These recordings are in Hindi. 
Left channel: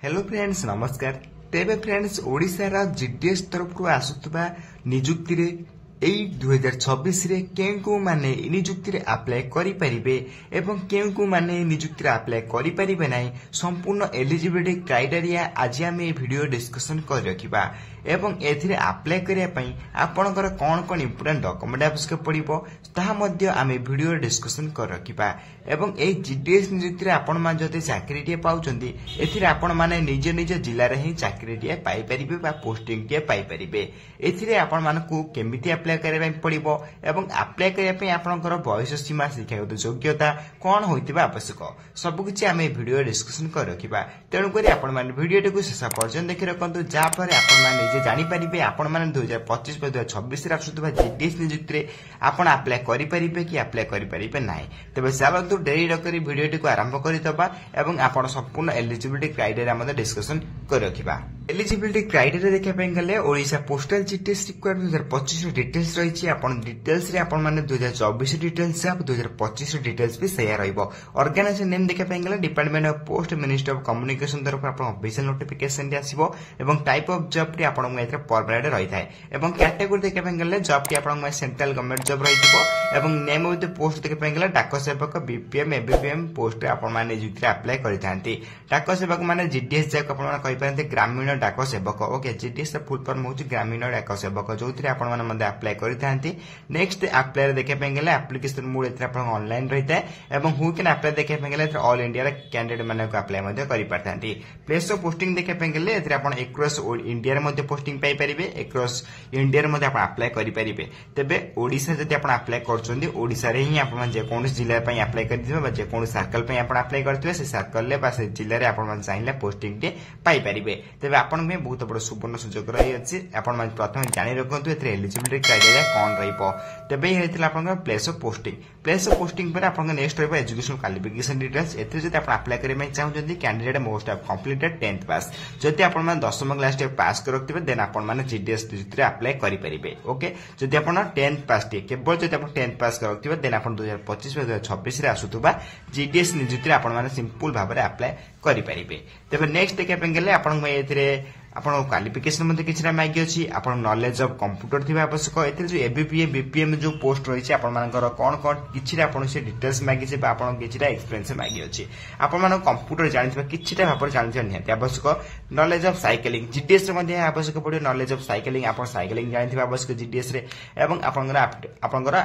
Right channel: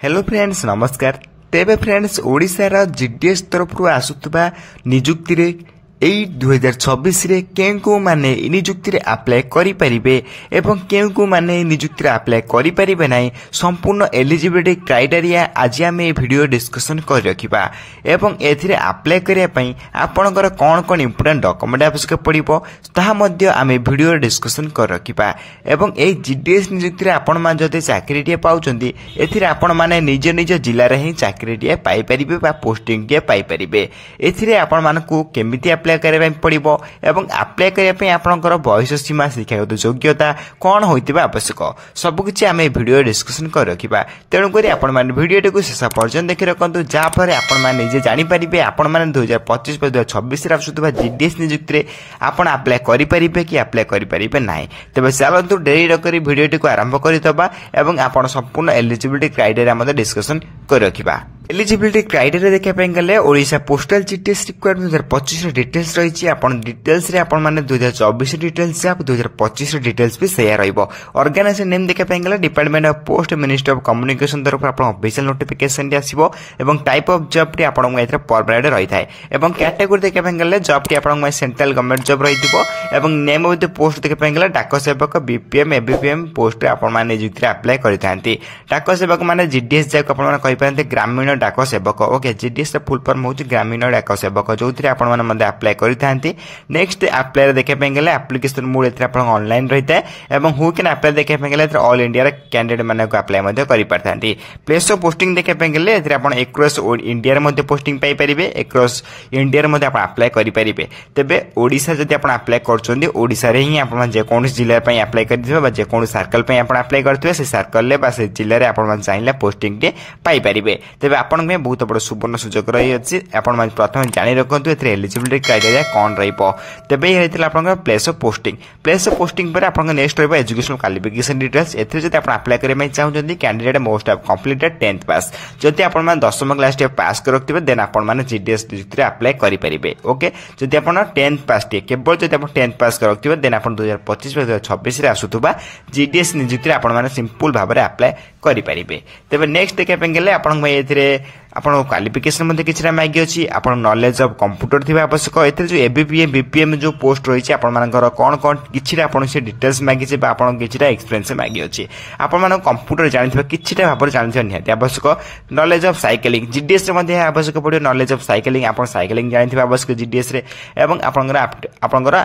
हेलो फ्रेंड्स नमस्कार। तेबे फ्रेंड्स ओडिशार जीडीएस तरफ आसुवा निजुक्ति रे एई 2026 रे केउ माने निजुक्ति रे अप्लाई करि परिबे एवं केउ माने निजुक्ति रे अप्लाई करि परिबे नाही संपूर्ण एलिजिबिलिटी क्राइटेरिया आज आम ए वीडियो डिस्कशन कर रखिबा एवं एथिरे अप्लाई करिया पई आपनकर कोन कोन इंपोर्टेंट डॉक्यूमेंट आवश्यक पड़िबो ताहा मध्ये आम वीडियो डिस्कशन कर रखिबा एवं ए जीडीएस निजुक्ति रे आपण मान जते चाकरी टिए पाउचंदी एथिरे आपण माने निज निज जिल्ला रे ही चाकरी टिए पाई परिबे बा पोस्टिंग टिए पाई परिबे। एथिरे आपण मानकू केमिति अप्लाई करबा पड़िबो एवं अप्लाई करिया पई आपनकर बयस सीमा शिक्षागत योग्यता कोन होइतिबा आवश्यक सब किछि आमे वीडियो डिस्कशन कर रखिबा। तेणु करी आपण माने वीडियो को शेष पर्यंत देखि रखंतु जा पर आपण माने निजे जानि परिबे आपण माने 2025 2026 रे आसुतबा जीडीएस नियुक्ति रे आपण अप्लाई करि परिबे कि अप्लाई करि परिबे नाही। तबे चलंतु डेरी रकरी वीडियो को आरंभ करितबा एवं आपण संपूर्ण एलिजिबिलिटी क्राइटेरिया मध्ये डिस्कशन कर रखिबा। एलिजिबिलिटी क्राइटेरिया देखा पे गले ओडिशा पोस्टल जीडीएस रिक्वायरमेंट 2025 रे डिटेल्स रही आपण डिटेल्स रे आपण माने 2024 डिटेल्स आप 2025 डिटेल्स भी सेया रहइबो। ऑर्गेनाइजेशन नेम देखा पे गले department of post ministry of communication तरफ आपण ऑफिशियल नोटिफिकेशन रे आसीबो एवं टाइप ऑफ जॉब टी आपण एथरे परमानेंट रही थाए एवं कैटेगरी देखा पे गले जॉब टी आपण सेंट्रल गवर्नमेंट जॉब रहिथिबो एवं नेम ऑफ द पोस्ट देखा पे गले डाक सेवक बीपीएम एबीपीएम पोस्ट आपण माने नियुक्ति अप्लाई करिथांती। डाक सेवक माने जीडीएस जाक आपण माने कहि पारते ग्रामीण डाक सेवक ओके जीडीएस फुल फॉर्म होची ग्रामीण डाक सेवक जोथि आपण माने मध्ये अप्लाई करिथांती। नेक्स्ट अप्लाई रे देखा पे गले एप्लीकेशन मोड एथरे आपण ऑनलाइन रहिता एवं हु कैन अप्लाई देखा पे गले ऑल इंडिया रे कैंडिडेट माने को अप्लाई मध्ये करि पारथांती। प्लेस ऑफ पोस्टिंग देखा पे गले एथरे आपण एक्रॉस इंडिया रे मध्ये पोस्टिंग पाई परिबे एक्रॉस इंडिया रे मध्ये आपण अप्लाई करि परिबे। तबे ओडिसा जदि आपण अप्लाई करचोंदी ओडिसा रे ही आपण जे कोन जिल्ला पई अप्लाई करिथिबे बा जे कोन सर्कल पई आपण अप्लाई करथिबे से सर्कल ले बा से जिल्ला रे आपण चाहिले पोस्टिंग के पाई परिबे। तबे आपण में बहुत बड़ सुवर्ण सुजोग रही अछि आपण मान प्रथम जानि रखंतु एथरे एलिजिबिलिटी क्राइटेरिया कोन रहिबो। तबे हेतिला आपण प्लेस ऑफ पोस्टिंग पर आपण नेक्स्ट रहबो एजुकेशनल क्वालिफिकेशन डिटेल्स एथरे जदि आपण अप्लाई करे मै चाहउछन्ती candidate most of completed 10th pass जदि आपण मान 10th क्लास टे पास कर रखथिबे देन आपण मान जीडीएस डिस्ट्रिक्ट अप्लाई करि परिबे। ओके जदि आपण 10th पास टे केवल जदि आपण 10th पास कर रखथिबे देन आपण 2025 2026 रे आसुतबा जीडीएस नियुक्ति आपण मान सिंपल भाबरे अप्लाई करि परिबे। तबे नेक्स्ट देखा पे गेले आपण मै एथरे आपण क्वालिफिकेशन मध्ये किछरा मागी अछि आपण नॉलेज ऑफ कंप्यूटर थिबा आवश्यक एथरे जो एबीपीएम बीपीएम जो पोस्ट रही छै आपण मानकर कोन कोन किछरा आपण से डिटेल्स मागी छै बा आपण किछरा एक्सपीरियंस मागी अछि आपण मान कंप्यूटर जानिथिबा किछरा भाबर जानिथिबा निहाती आवश्यक। नॉलेज ऑफ साइकिलिंग जीडीएस रे मध्ये आवश्यक पड़ियो नॉलेज ऑफ साइकिलिंग आपण साइकिलिंग जानिथिबा आवश्यक जीडीएस रे एवं आपनकर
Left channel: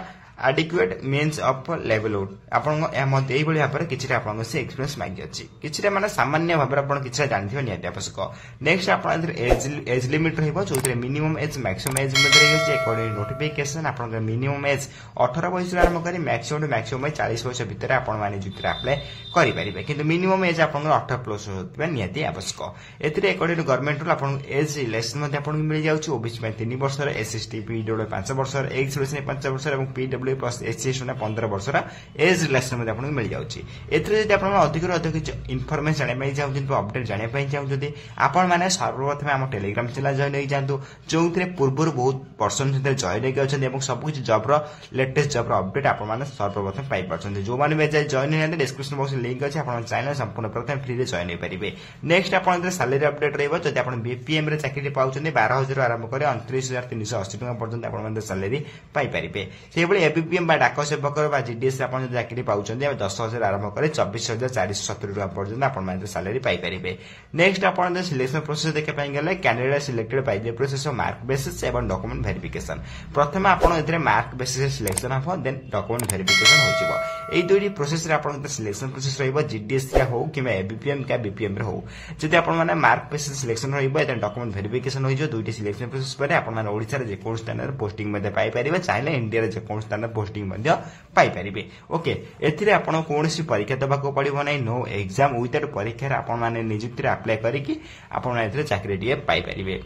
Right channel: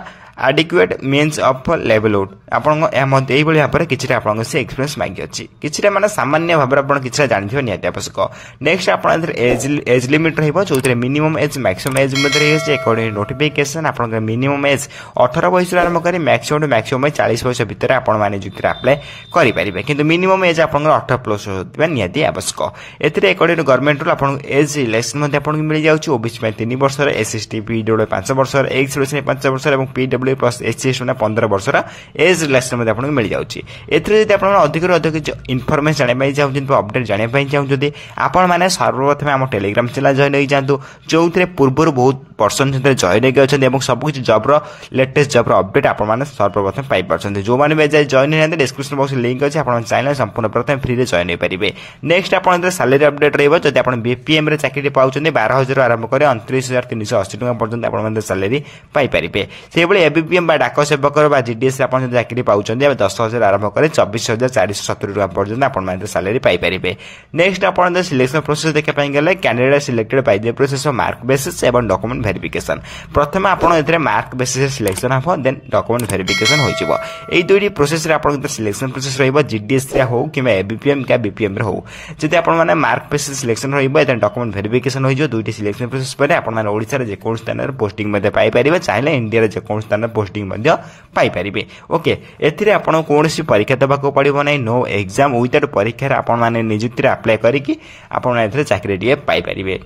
एडिक्वेट मीन्स ऑफ लेवलहुड आपण ए मध्ये एई बळी भाबरे किछरा आपण से एक्सपीरियंस मागी अछि किछरा माने सामान्य भाबरे आपण किछरा जानिथिबा निहाती आवश्यक। नेक्स्ट आपण एज लिमिट रहइबो जोतरे मिनिमम एज मैक्सिमम एज मध्ये रहइछ अकॉर्डिंग नोटिफिकेशन आपण मिनिमम एज 18 वर्ष आरंभ करी मैक्सिमम 40 वर्ष भीतर आपण माने जुक्ति अप्लाई करि परिबे किंतु मिनिमम एज आपण 18 प्लस होतबा निहाती आवश्यक। एथिरे अकॉर्डिंग गवर्नमेंट रूल आपण एज रिलेक्शन मध्ये आपण मिल जाउछ ओबीसी में 3 वर्ष एसएसटी पीडब्ल्यू 5 वर्ष एक्स रिलेक्शन 5 वर्ष एवं पीडब्ल्यू प्लस एचएस 15 वर्ष एज रिलेक्शन मध्ये आपण मिल जाउछ। एथिरे जदि आपण अधिक इन्फॉर्मेशन जाने पई चाहउछन अपडेट जाने पई चाहउछन आपण माने सर्वप्रथम हम टेलीग्राम चैनल जॉइन होई जांतु जोथरे पूर्वर बहुत पर्सन जते जॉइन होई गछन एवं सब कुछ जॉब रो लेटेस्ट जॉब रो अपडेट आपण माने सर्वप्रथम पाई परछन जो माने बे जॉइन होई डिस्क्रिप्शन बॉक्स लिंक अछि आपण चैनल संपूर्ण प्रथम फ्री रे जॉइन होई परिबे। नेक्स्ट आपण सैलरी अपडेट रहइबो जते आपण बीपीएम रे चाकरी पाउछन 12000 आरंभ करे 29380 टका पर्यंत आपण माने सैलरी पाई परिबे। से बळे एबीपीएम बा डाक सेवक बा जीडीएस आपण चाकरी पाउछन 10000 आरंभ करे 24470 टका पर्यंत आपण माने सैलरी पाई परिबे। नेक्स्ट आपण सिलेक्शन प्रोसेस देखा पाई गेले candidate selected by the process of mark basis एवं डॉक्यूमेंट वेरिफिकेशन प्रथम आपण एथरे मार्क बेसिस सिलेक्शन हो देन डॉक्यूमेंट वेरिफिकेशन होइछिबो। एई दुइटी प्रोसेस रे आपण सिलेक्शन प्रोसेस रहइबो जीडीएस रे हो किबा एबीपीएम का बीपीएम रे हो जदि आपण माने मार्क बेसिस सिलेक्शन रहइबो देन डॉक्यूमेंट वेरिफिकेशन होइजो दुइटी सिलेक्शन प्रोसेस पर आपण माने ओडिसा रे जे कोन स्थान रे पोस्टिंग मध्ये पाई परिबे चाहे इंडिया रे जे कोन स्थान रे पोस्टिंग मध्ये पाई परिबे। ओके एथिरे आपण कोनसी परीक्षा देबा को पड़िबो नै नो एग्जाम विदाउट परीक्षा रे आपण माने नियुक्ति रे अप्लाई करी कि आपण एथिरे चाकरी टिए पाई परिबे।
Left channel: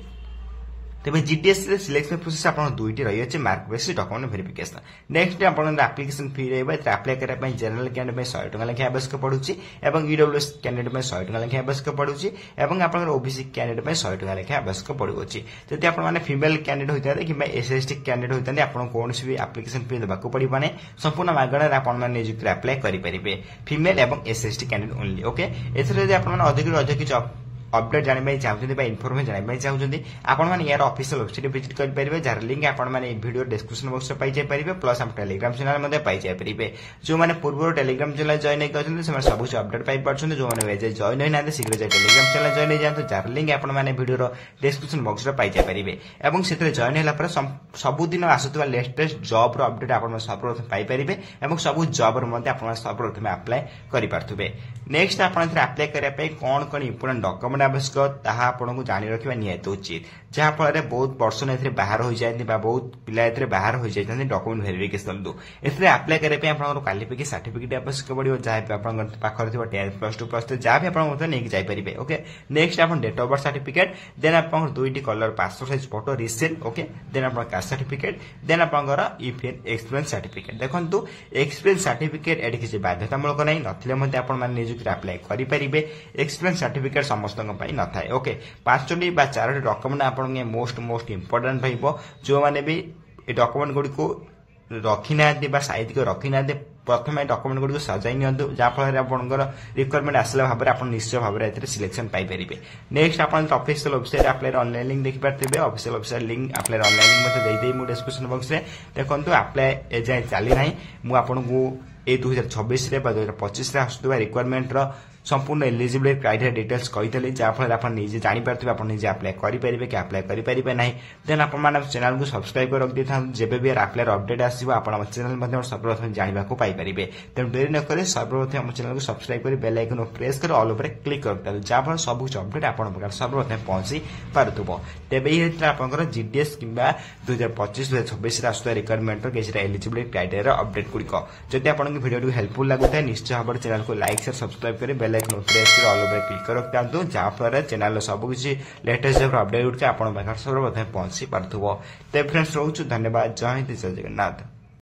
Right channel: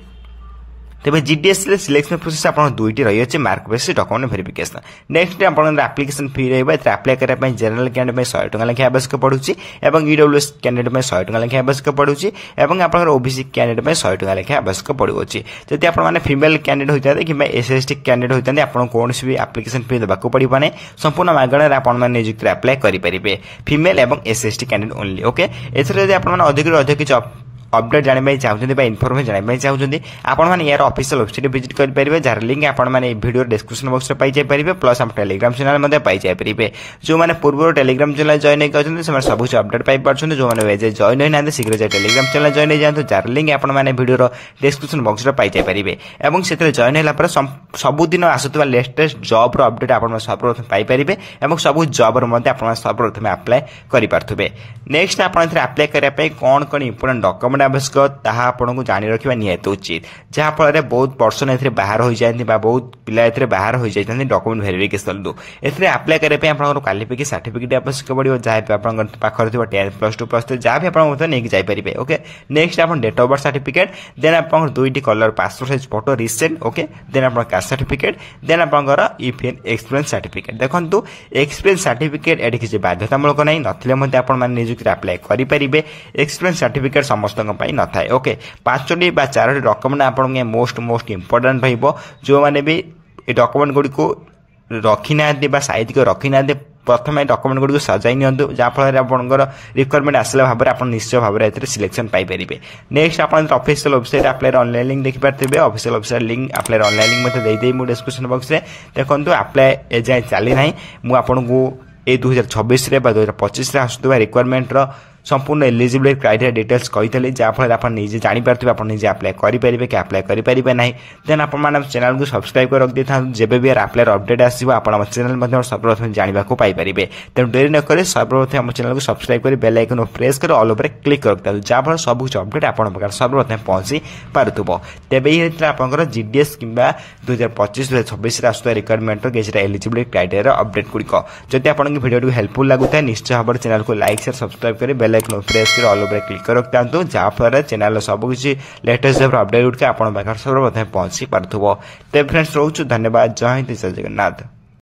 तेबे जीडीएस रे सिलेक्शन प्रोसेस आपण दुइटी रही अछि mark basis document verification. Next आपण एप्लीकेशन फी रहबा एथरे अप्लाई करे पय जनरल कैंडिडेट में 100 टका लेखा आवश्यक पडुछि एवं ईडब्ल्यूएस कैंडिडेट में 100 टका लेखा आवश्यक पडुछि एवं आपण ओबीसी कैंडिडेट में 100 टका लेखा आवश्यक पडुछि। जदि आपण माने फीमेल कैंडिडेट होइताते कि एसएसटी कैंडिडेट होइताते आपण कोनसी भी एप्लीकेशन फी देबा को पडिबा नै संपूर्ण मागणा रे आपण माने नियुक्ति अप्लाई करि परिबे फीमेल एवं एसएसटी कैंडिडेट ओनली। ओके एथरे जदि आपण माने अधिक जॉब अपडेट जानवाई चाहते इनफर्मेशन जानवाई चाहते आपण मैंने यार ऑफिशियल वेबसाइट विजिट करेंगे जार लिंक आपने वीडियो डिस्क्रिप्शन बॉक्स में पाइपर प्लस हम टेलीग्राम चैनल पाइपर जो मैंने पूर्व टेलीग्राम चैनल जॉइन होती सब अपडेट पाइपर जो मैंने जॉइन होना शीघ्र जाए टेलीग्राम चैनल जॉइन हो जाए जार लिंक आपने वीडियो डिस्क्रिप्शन बॉक्स में पाइपर और से जॉइन होगा सबुदिन आसुवा लेटेस्ट जॉब अपडेट आप सर्वप्रथम पाइपर और सब जॉब सर्वप्रथम आप्लाय करेंगे नेक्स्ट आप आप्लाय करने कौन कौन इंपोर्टेंट डॉक्यूमेंट आवश्यक आपको जानी रखा निहत उचित जहाँफल बहुत पर्सन ए बाहर हो जाती बहुत पिला बाहर हो जाती डॉक्यूमेंट वेरिफिकेशन एप्लाय करने क्वालिफिकेशन सर्टिफिकेट आवश्यक पड़ो जहाँ भी पाखे 10+2 +3 जहाँ भी आप नहीं जापर ओके नेक्स्ट आप date of birth certificate then आप दुईटी colour passport size photo recent okay then आप कास्ट सर्टिफिकेट देन आपंकर ईपीएन एक्सपीरियंस सर्टिफिकेट देखो एक्सपीरियंस सर्टिफिकेट ये किसी बाध्यतामूलक नहीं नथिले आप निजुक्ति आप्लाय करेंगे एक्सपीरियंस सर्टिफिकेट समस्त न था ओके 5टी 4टी डॉक्यूमेंट आप मोस्ट इंपोर्टेंट रही जो मैंने भी डॉक्यूमेंट गुड़ी को रखी ना साइज को रखी ना प्रथम डॉक्यूमेंट गुड़ी सजाई नि जहाँफल आपंकर रिक्वायरमेंट आसला भाव में आप निश्चय भाव में सिलेक्शन पाइपर नेक्स्ट आप ऑफिशियल वेबसाइट आप्लायर ऑनलाइन लिंक देखिपारे ऑफिशियल वेबसाइट लिंक आप्लायर ऑनलाइन लिंक देदेवी डिस्क्रिप्शन बॉक्स में देखो आप्लाय एजाए चली ना मुझे ये 2026 रे 2025 आसुवा रिक्वायरमेंट संपूर्ण एलिजिबिलिटी क्राइटेरिया डिटेल्स कही जहाँफल आप निजे जापर आप निजे आप्लाय करेंगे कि आप्लाय करेंगे ना देन आप चैनल को सब्सक्राइब कर रखी था जब भी आप्लायर अपडेट आसो आप चैनल सर्वप्रथम जानवा पाइपर तेणु डेरी नक सर्वप्रथम आम चैनल को सब्सक्राइब कर बेल आइकन प्रेस कर ऑल ओवर क्लिक कर रखता जहाँफल सब कुछ अपडेट आप सर्वप्रथम पहुंची पार्थुब तेज ये आप जीडीएस कि 2025-2026 आसुवा रिक्वायरमेंट किसी एलिजिबिलिटी क्राइटेरिया अपडेट गुड़िक जब आप वीडियो हेल्पफुल लगुता निश्चय भाव में चैनल को लाइक शेयर सब्सक्राइब कर बेल आइकन प्रेस कर ऑल ओवर क्लिक कर रखता जहाँफल चैनल सब किसी लेटेस्ट अपडेट गुड़िक आप सर्वप्रथम पहुंची पार्थुब तेज फ्रेंड्स रोचु धन्यवाद जय हिंद जय जगन्नाथ।